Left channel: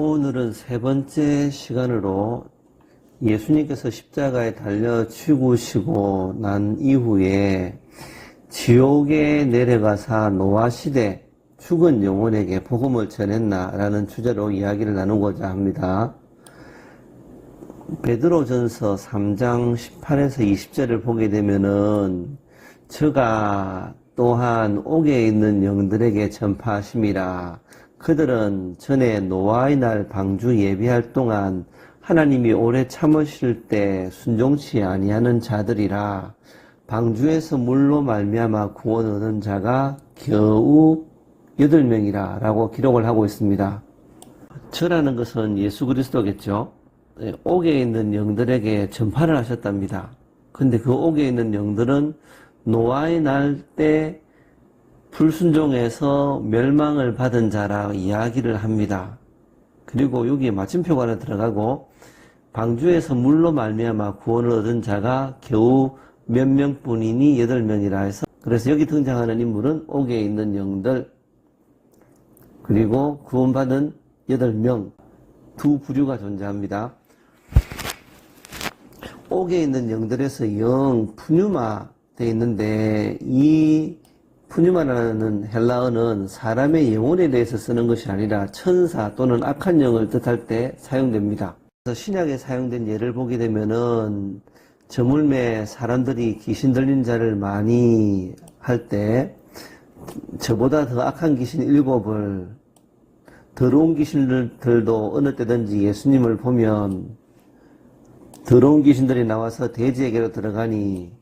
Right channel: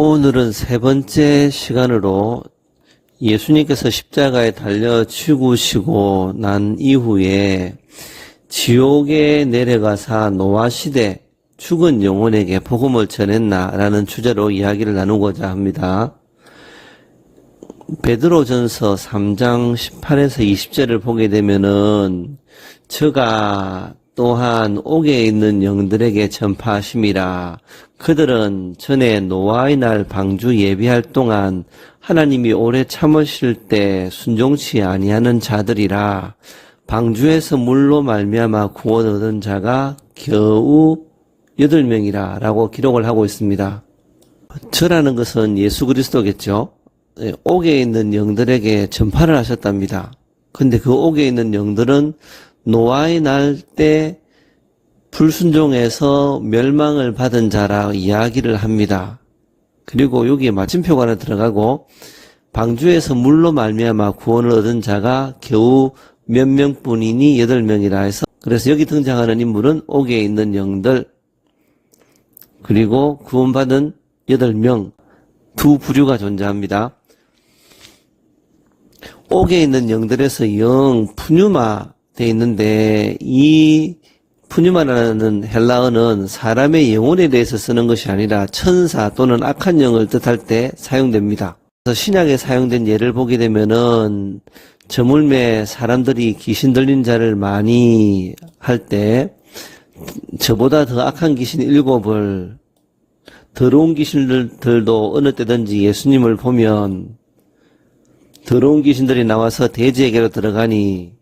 오늘은 세 번째 시간으로 예수님께서 십자가에 달려 죽으시고 난 이후에 지옥에 내려가사 노아 시대 죽은 영혼에게 복음을 전했나라는 주제로 이야기를 나누고자 합니다. 베드로전서 3장 18에서 20절을 보게 되면은 저가 또한 옥에 있는 영들에게 전파하심이라 그들은 전에 노아의 날 방주 예비할 동안 하나님이 오래 참으실 때 순종치 아니하는 자들이라 방주에서 물로 말미암아 구원 얻은 자가 겨우 여덟 명이라 라고 기록을 하고 있습니다. 저라는 것은 예수 그리스도겠죠. 예, 옥에 있는 영들에게 전파를 하셨답니다. 근데 그 옥에 있는 영들은 노아의 날 때 불순종해서 멸망을 받은 자라 이야기를 합니다. 그리고 여기에 마침표가 하나 들어가고 방주에서 물로 말미암아 구원을 얻은 자가 겨우 몇 명뿐이니 여덟 명이라 해서 그래서 여기 등장하는 인물은 옥에 있는 영들 그리고 구원받은 여덟 명 두 부류가 존재합니다. 옥에 있는 영들에서 영 푸뉴마 돼 있는데 이 푸뉴마라는 헬라어는 사람의 영혼에 대해서 쓰는 것이 아니라 천사 또는 악한 영을 뜻할 때 사용됩니다. 그래서 신약에 사용된 예를 보게 되면은 저물매 사람들이 귀신 들린 자를 많이 할 때 저보다 더 악한 귀신 일곱을 더러운 귀신들도 어느 때든지 예수님을 보면 더러운 귀신들이 나와서 돼지에게로 들어가니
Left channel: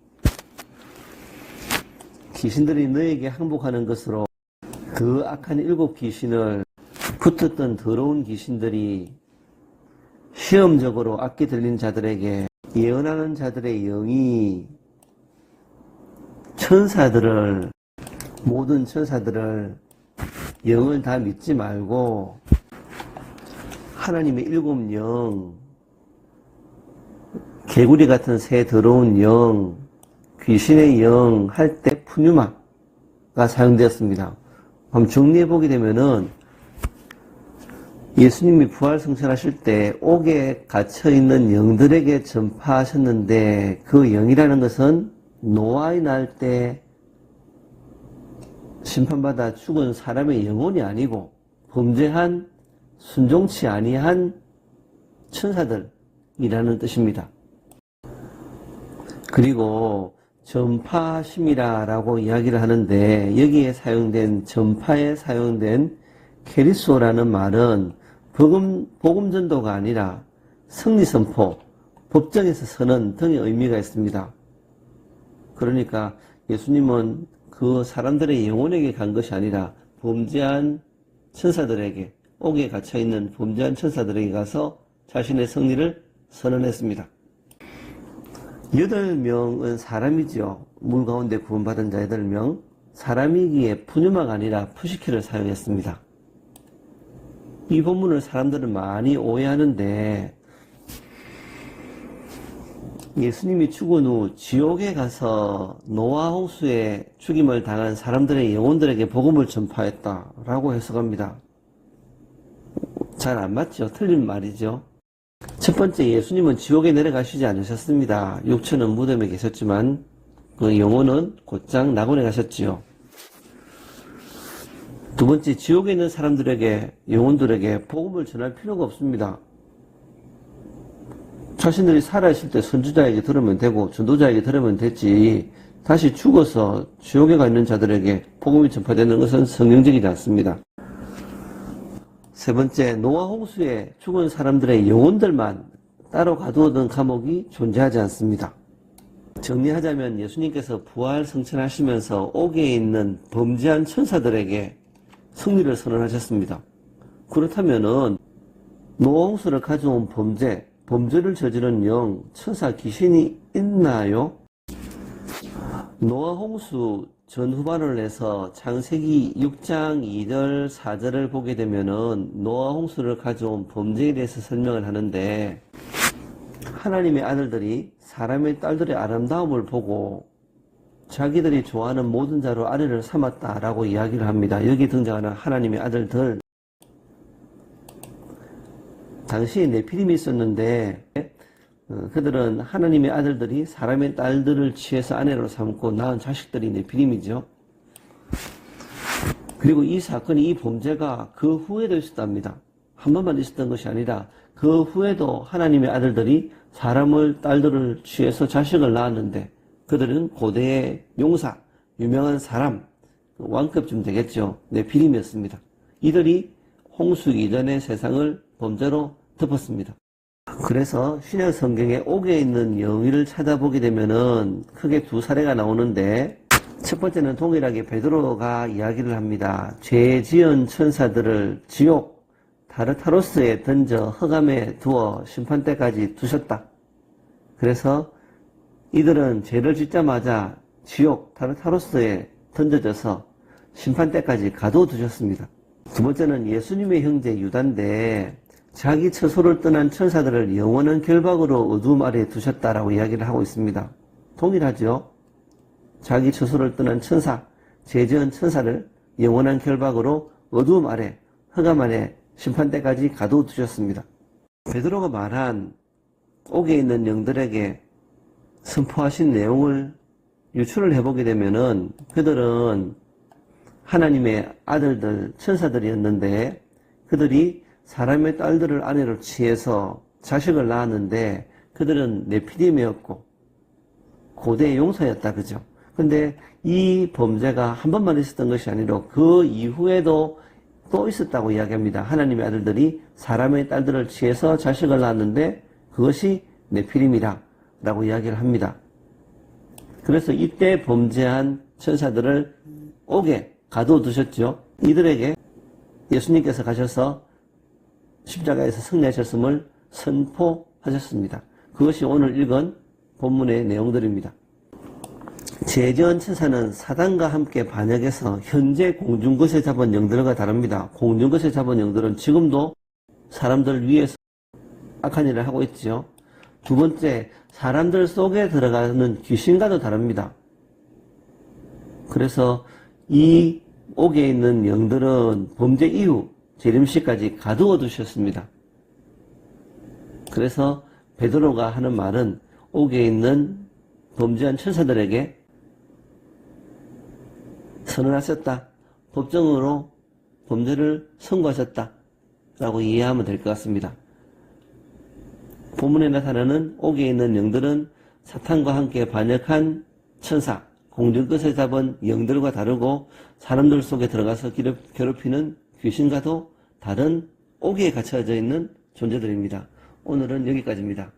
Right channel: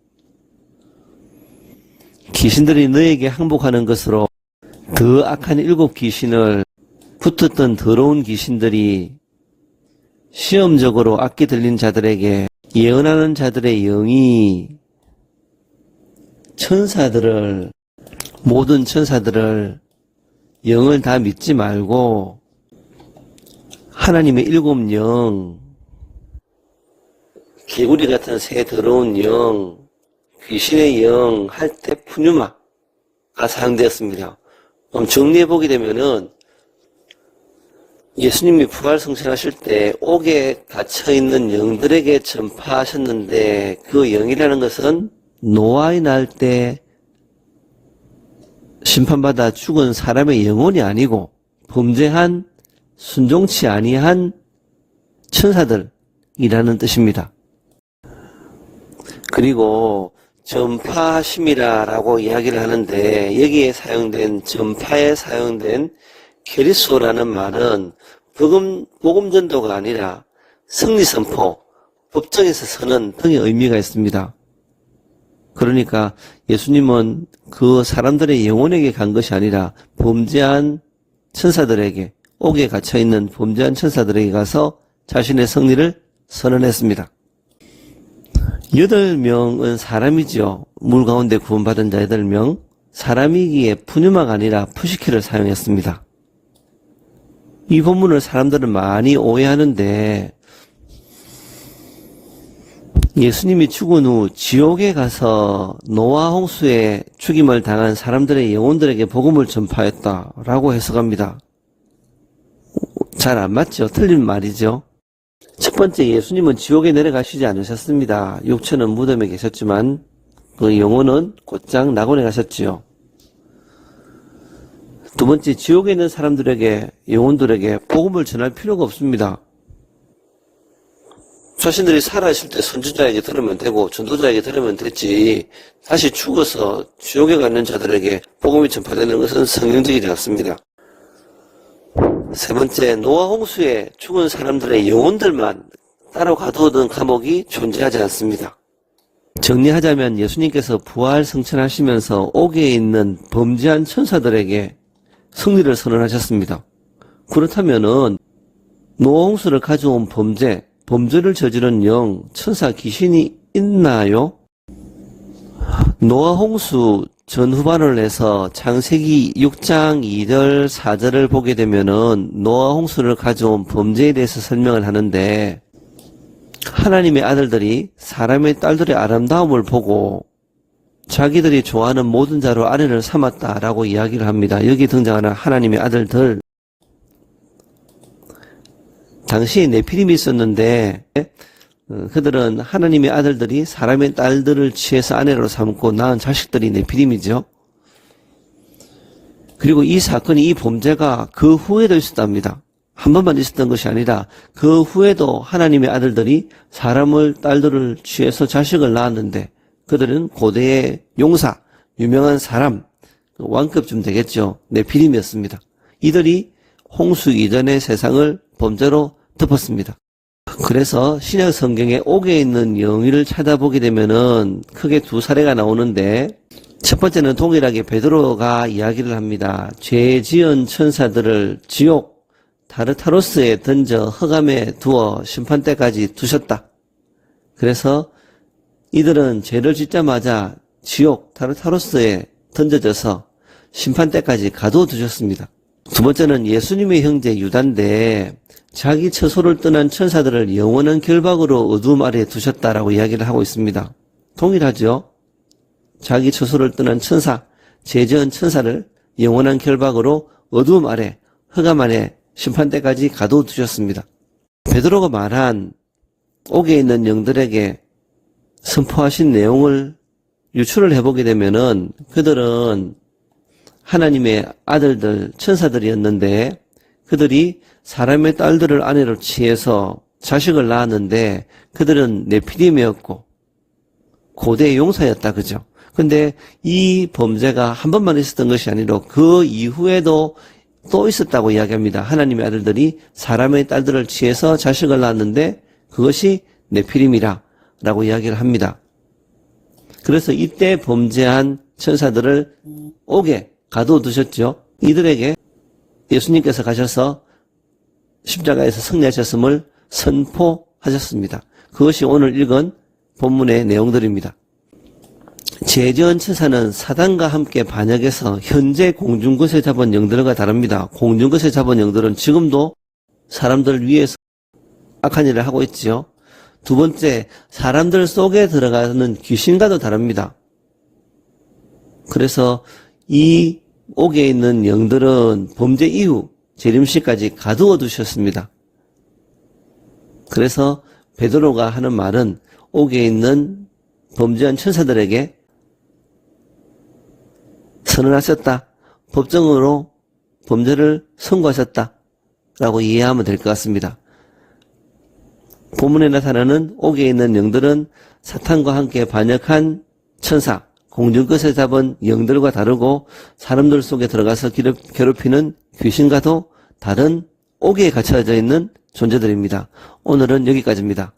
귀신들이 너에게 항복하는 것으로 그 악한 일곱 귀신을 붙었던 더러운 귀신들이 시험적으로 악기 들린 자들에게 예언하는 자들의 영이 천사들을 모든 천사들을 영을 다 믿지 말고 하나님의 일곱 영 개구리 같은 새 더러운 영 귀신의 영 할 때 푸뉴마가 사용되었습니다. 정리해 보게 되면은 예수님이 부활 성천하실 때 옥에 갇혀 있는 영들에게 전파하셨는데 그 영이라는 것은 노아의 날 때 심판받아 죽은 사람의 영혼이 아니고 범죄한 순종치 아니한 천사들이라는 뜻입니다. 그리고 전파하심이라라고 이야기를 하는데 여기에 사용된 전파에 사용된 케리소라는 말은 복음 복음 전도가 아니라 승리 선포, 법정에서 서는 등의 의미가 있습니다. 그러니까 예수님은 그 사람들의 영혼에게 간 것이 아니라 범죄한 천사들에게 옥에 갇혀 있는 범죄한 천사들에게 가서 자신의 승리를 선언했습니다. 여덟 명은 사람이지요. 물 가운데 구원받은 자 여덟 명. 사람이기에 푸뉴마가 아니라 푸시키를 사용했습니다. 이 본문을 사람들은 많이 오해하는데 예수님이 죽은 후 지옥에 가서 노아 홍수에 죽임을 당한 사람들의 영혼들에게 복음을 전파했다라고 해석합니다. 잘 안 맞죠? 틀린 말이죠. 첫 번째 예수님은 지옥에 내려가시지 않으셨습니다. 육체는 무덤에 계셨지만 그 영혼은 곧장 낙원에 가셨지요. 두 번째 지옥에 있는 사람들에게 영혼들에게 복음을 전할 필요가 없습니다. 자신들이 살아있을 때 선지자에게 들으면 되고 전도자에게 들으면 됐지 다시 죽어서 지옥에 가 있는 자들에게 복음이 전파되는 것은 성경적이지 않습니다. 세 번째, 노아 홍수에 죽은 사람들의 영혼들만 따로 가두어둔 감옥이 존재하지 않습니다. 정리하자면 예수님께서 부활 성천하시면서 옥에 있는 범죄한 천사들에게 승리를 선언하셨습니다. 그렇다면은 노아 홍수를 가져온 범죄, 범죄를 저지른 영, 천사 귀신이 있나요? 노아 홍수 전후반을 해서 창세기 6장 2절 4절을 보게 되면은 노아 홍수를 가져온 범죄에 대해서 설명을 하는데 하나님의 아들들이 사람의 딸들의 아름다움을 보고 자기들이 좋아하는 모든 자로 아내를 삼았다라고 이야기를 합니다. 여기 등장하는 하나님의 아들들 당시에 네피림이 있었는데 어, 그들은 하나님의 아들들이 사람의 딸들을 취해서 아내로 삼고 낳은 자식들이 네피림이죠. 그리고 이 사건이 이 범죄가 그 후에도 있었답니다. 한 번만 있었던 것이 아니라 그 후에도 하나님의 아들들이 사람을 딸들을 취해서 자식을 낳았는데 그들은 고대의 용사, 유명한 사람, 왕급쯤 되겠죠. 네피림이었습니다. 이들이 홍수 이전의 세상을 범죄로 덮었습니다. 그래서 신약 성경에 옥에 있는 영의를 찾아보게 되면은 크게 두 사례가 나오는데 첫 번째는 동일하게 베드로가 이야기를 합니다. 죄 지은 천사들을 지옥 타르타로스에 던져 흑암에 두어 심판 때까지 두셨다. 그래서 이들은 죄를 짓자마자 지옥 타르타로스에 던져져서 심판 때까지 가둬두셨습니다. 두 번째는 예수님의 형제 유다인데 자기 처소를 떠난 천사들을 영원한 결박으로 어두움 아래에 두셨다라고 이야기를 하고 있습니다. 동일하죠? 자기 처소를 떠난 천사, 제전 천사를 영원한 결박으로 어두움 아래, 흑암 안에 심판 때까지 가둬두셨습니다. 베드로가 말한 옥에 있는 영들에게 선포하신 내용을 유출을 해보게 되면은 그들은 하나님의 아들들, 천사들이었는데 그들이 사람의 딸들을 아내로 취해서 자식을 낳았는데 그들은 네피림이었고 고대 용사였다 그죠? 근데 이 범죄가 한 번만 있었던 것이 아니라 그 이후에도 또 있었다고 이야기합니다. 하나님의 아들들이 사람의 딸들을 취해서 자식을 낳았는데 그것이 네피림이라 라고 이야기를 합니다. 그래서 이때 범죄한 천사들을 옥에 가둬두셨죠. 이들에게 예수님께서 가셔서 십자가에서 승리하셨음을 선포하셨습니다. 그것이 오늘 읽은 본문의 내용들입니다. 제전 천사는 사단과 함께 반역해서 현재 공중것에 잡은 영들과 다릅니다. 공중것에 잡은 영들은 지금도 사람들 위에서 악한 일을 하고 있지요. 두 번째, 사람들 속에 들어가는 귀신과도 다릅니다. 그래서 이 옥에 있는 영들은 범죄 이후 재림시까지 가두어 두셨습니다. 그래서 베드로가 하는 말은 옥에 있는 범죄한 천사들에게 선언하셨다. 법정으로 범죄를 선고하셨다. 라고 이해하면 될 것 같습니다. 본문에 나타나는 옥에 있는 영들은 사탄과 함께 반역한 천사, 공중것에 잡은 영들과 다르고 사람들 속에 들어가서 괴롭- 괴롭히는 귀신과도 다른 옥에 갇혀져 있는 존재들입니다. 오늘은 여기까지입니다.